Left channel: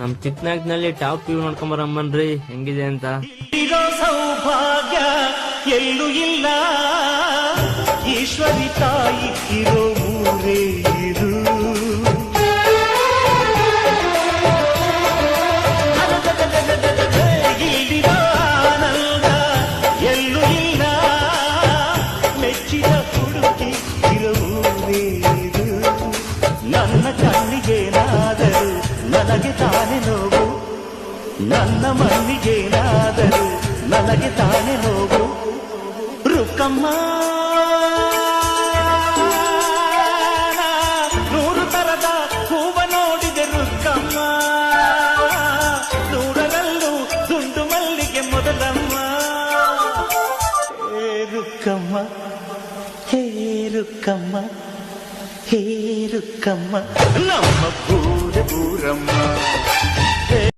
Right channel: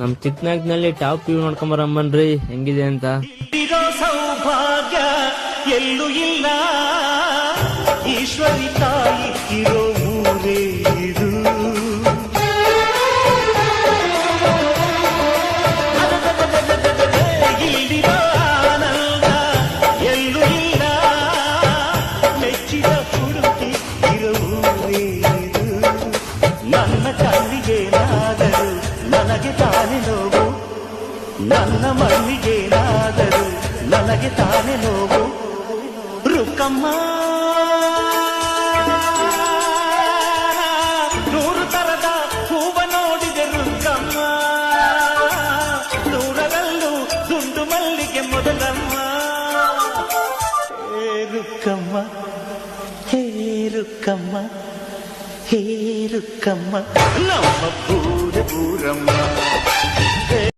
ನಮ್ ಚಿಕ್ಕನಾಗ್ನಲ್ಲಿ top view ನೋಡ್ಕೊಂಬರಮ್ಮನ್ರಿ ಹೆಂಗಿದೆ ಅಂತ. ಇರೋ ಸೌಭಾಗ್ಯ ಎಲ್ಲೂ ಇಲ್ಲ, ಈಶ್ವರಿ ತಾಯಿ ಇರೋ ಊರೇ ಇದು. ಇಲ್ಲಿರೋ ಆನಂದ ಎಲ್ಲೂ ಇಲ್ಲ, ಮೆಚ್ಚಿದ ಹುಡುಗಿ ಇರೋ ಊರೇ ಇದು. ನನ್ನ ಕಣ್ಣಿಗೇನಾದರೂ ನನಗೆ ತಾನೇ ನೋವು, ನನ್ನ ಮಣ್ಣಿಗೇನಾದರೂ ನನಗೆ ತಾನೇ ನೋವು. ರುಕ್ಕಮ್ಮ ನೂರು ತರದ ಹೂವ ನೋಡಿದೆ ರುಕ್ಕಮ್ಮ, ನೂರರಲ್ಲೂ ದುಂಡು ಮಲ್ಲಿಗೆ ಮೊದಲಮ್ಮ. ಹೇ ರುಕ್ಕಮ್ಮ, ಹೇ ರುಕ್ಕಮ್ಮ, ಹೇ ರುಕ್ಕಮ್ಮ, ನಮ್ಮ ಬೂರಮ್ಮ.